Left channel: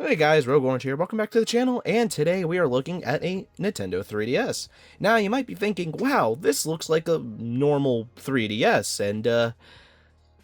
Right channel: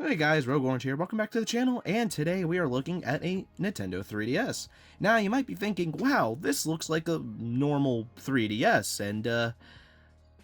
Hey guys, Rogue Orange here, welcome back to the channel, and today we are looking at a Nintendo 3DS. Now you might be thinking, wow, this looks like a normal 3DS, and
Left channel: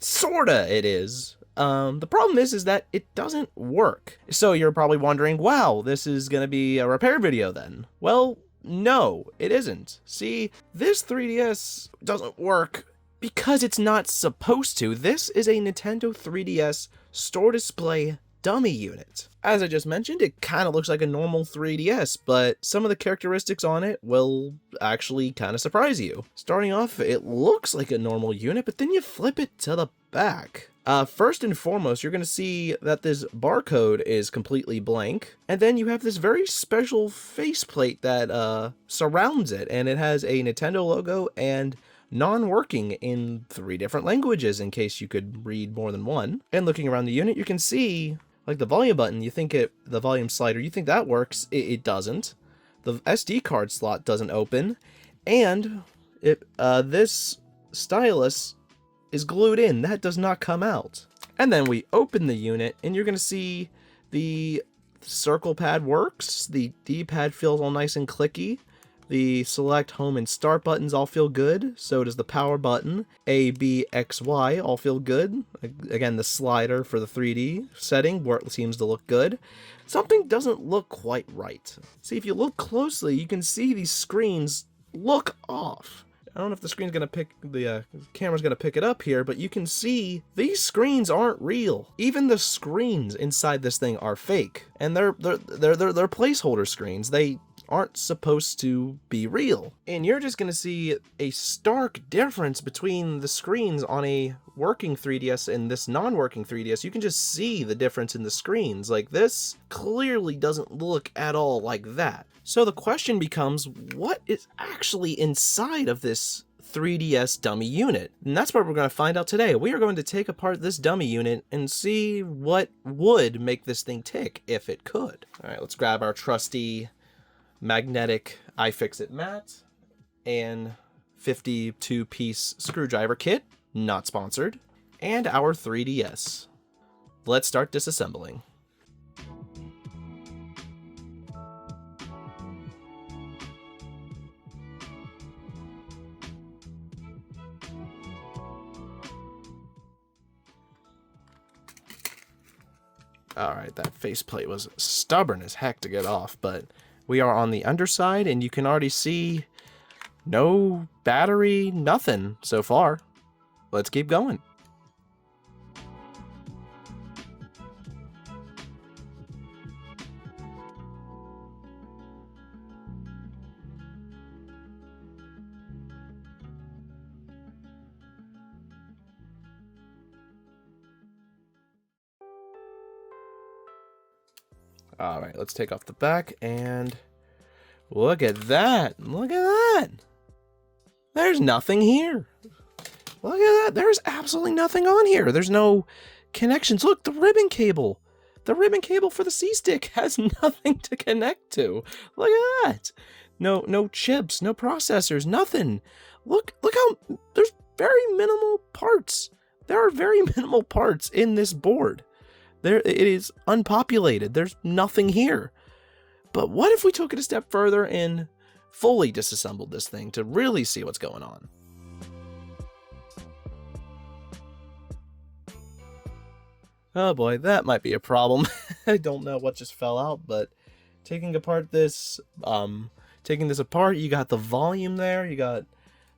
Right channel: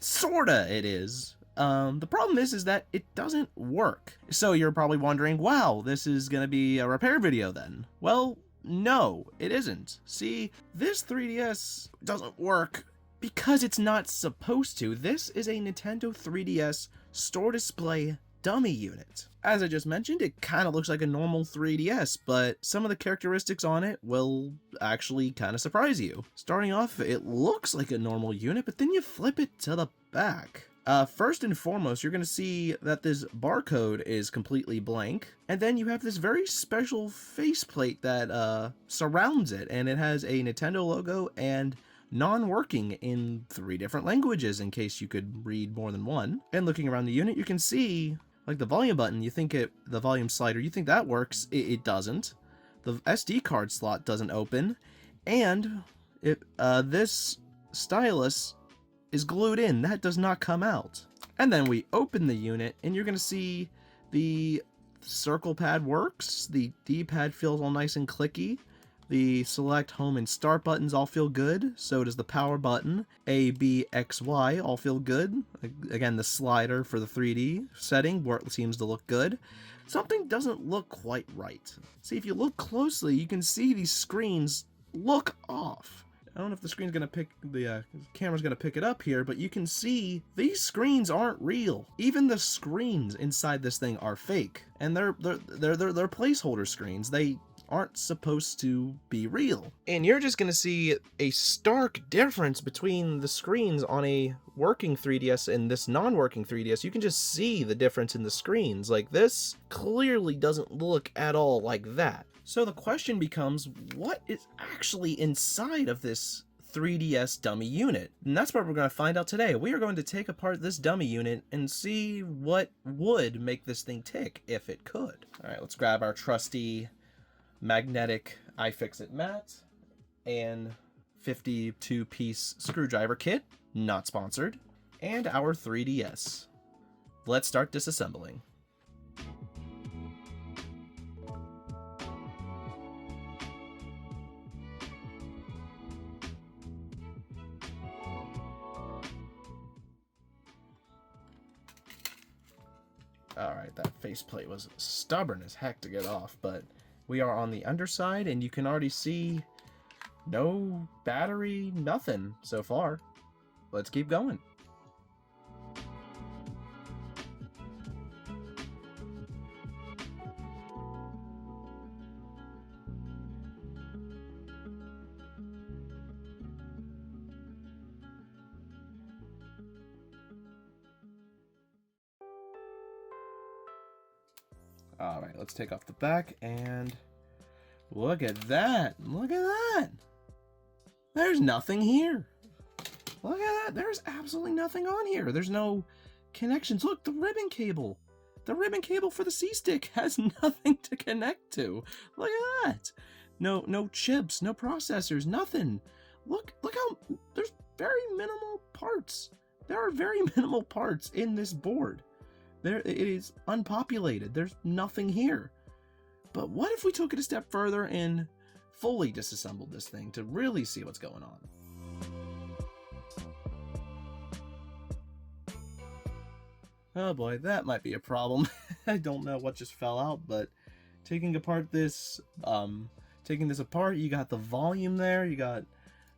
sorta it is. The problem is that it doesn't work. So you're probably wondering, wow, this is gonna be a repair video then. Well, no, it isn't. See, this 3DS doesn't work because it's not supposed to. This is a Nintendo 3DS store display dummy unit. As I just mentioned, it kind of looks like a normal 3DS, but some of the characteristics on it will actually kind of surprise you. Starting off, it looks like a normal unit, but then you flip it to the back. First and foremost, you're going to see that this barcode is completely blank, and then you have this very special faceplate that surrounds it, and it has a Nintendo logo and non-working in 3 different languages in case you could read more than one. And looking around the unit, you can see like the volume button, you think the volume slider, you think that works, it doesn't. The SD card slot doesn't open, and this stylus is glued in, that does not come out. And then we open the unit, and you're gonna see the circle pad works, the D-pad feels all nice and clicky, the select, home, and start buttons all feel good, so does the power button. A, B, X, Y all feel good. Again, the slider for the 3D setting seems to look good. Something doesn't look quite right. See, if you look closely, you can see these screens look off. I don't know if the screen's gonna the camera's gonna pick it up here, but you can see these screens aren't real. Even the screens inside this thing are fake, and they're placeholder screens. They aren't supposed to be real. And you're just gonna see a stark difference between the screens on a working 3DS and this non-working 3DS. You can just see the difference in the screens. Like, this clearly doesn't look at all like that. So the question becomes, what is actually inside of this 3DS dummy unit? And that's what we're going to find out today. We are going to take apart this dummy unit and see what would make this thing tick if it could. All right, let's grab our trusty magnetic iFixit mat and 52-piece screwdriver kit, not sponsored, and our 3DS. Let's start disassembling. Alright, that faceplate was stubborn as heck to get off, but we are on the underside, and you can already see no battery, nothing so far. Let's keep going. Alright, let's take off the back, and look at that! Look at that! There's nothing here! Look at that! There's absolutely nothing on here! There's no connections. Look, the ribbon cable! The ribbon cable for the C-Stick has nothing to connect to! Look at that! No chips, no processors, nothing! Look how... there's very minimal parts! There are very minimal parts in this board. It is unpopulated. There's nothing here. But what if we took it a step further and fully disassembled this thing to really see what's going on? Oh boy, that might be a problem. I don't know what just fell out, but taking apart this, taking this apart, you got the volume there, you got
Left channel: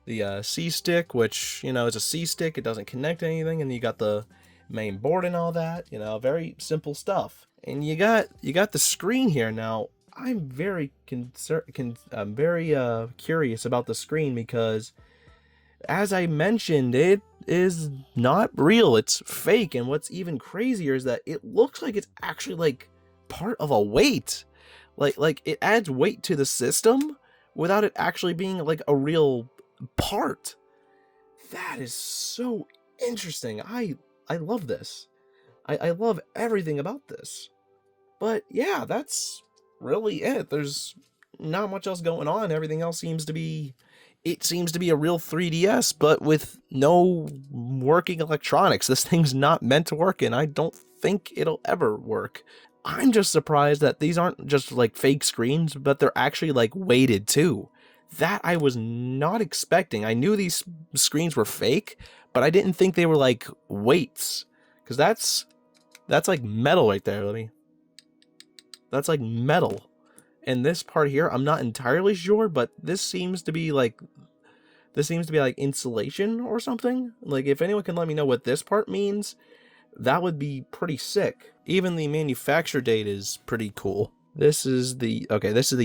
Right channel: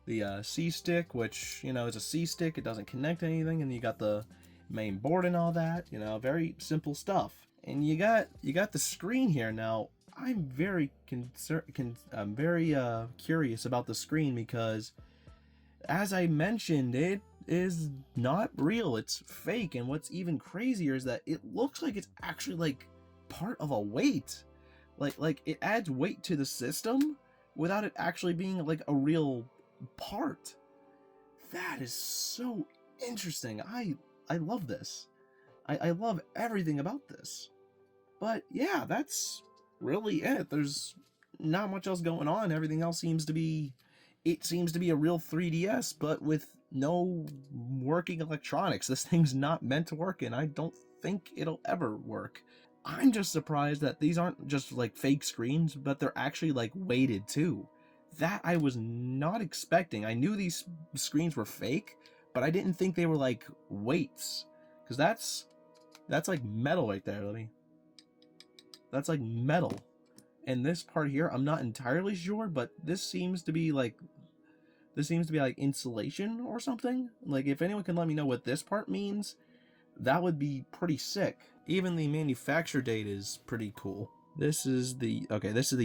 the C-Stick, which, you know, is a C-Stick, it doesn't connect to anything, and you got the main board and all that, you know, very simple stuff. And you got the screen here. Now, I'm very curious about the screen because, as I mentioned, it is not real. It's fake. And what's even crazier is that it looks like it's actually like part of a weight. Like it adds weight to the system without it actually being like a real part. That is so interesting. I love this. I love everything about this. But yeah, that's really it. There's not much else going on. Everything else seems to be... it seems to be a real 3DS, but with no working electronics. This thing's not meant to work, and I don't think it'll ever work. I'm just surprised that these aren't just like fake screens, but they're actually like weighted too. That I was not expecting. I knew these screens were fake, but I didn't think they were like weights, because that's like metal right there. That's like metal. And this part here, I'm not entirely sure, but this seems to be like insulation or something. Like, if anyone can let me know what this part means, that would be pretty sick. Even the manufacture date is pretty cool. This is the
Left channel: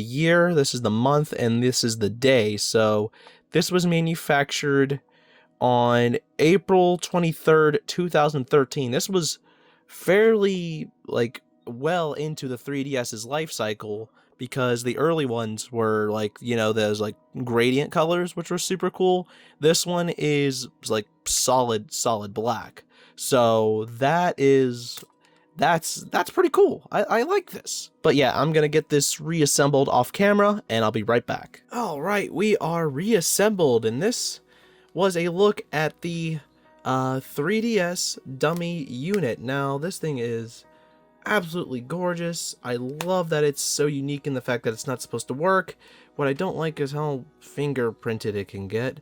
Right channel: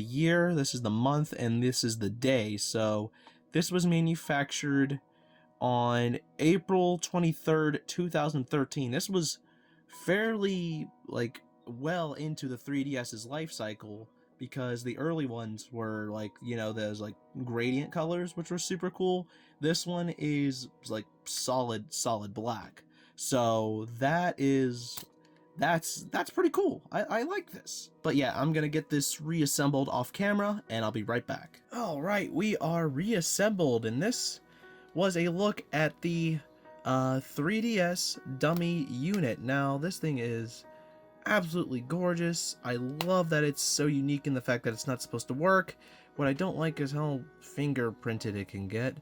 year, this is the month, and this is the day. So this was manufactured on April 23rd, 2013. This was fairly like well into the 3DS's life cycle, because the early ones were like, you know, those like gradient colors, which were super cool. This one is like solid black. So that's pretty cool. I like this. But yeah, I'm gonna get this reassembled off camera, and I'll be right back. All right, we are reassembled, and this was a look at the 3DS dummy unit. Now, this thing is absolutely gorgeous. I love that it's so unique in the fact that it's not supposed to work. What I don't like is how fingerprinted it can get,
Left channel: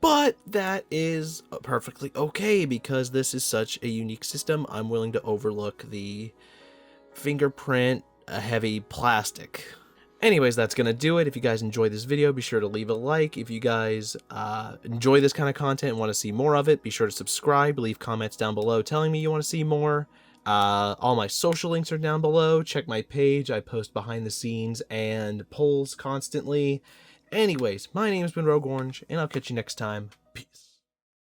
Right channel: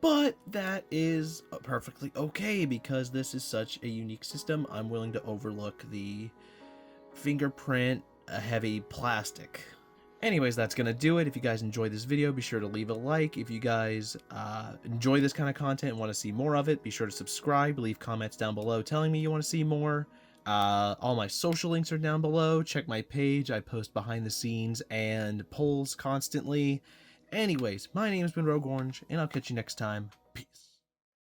but that is perfectly okay, because this is such a unique system. I'm willing to overlook the fingerprint heavy plastic. Anyways, that's gonna do it. If you guys enjoyed this video, be sure to leave a like. If you guys enjoy this kind of content and want to see more of it, be sure to subscribe. Leave comments down below telling me you want to see more. All my social links are down below. Check my page. I post behind the scenes and polls constantly. Anyways, my name has been Rogue Orange, and I'll catch you next time.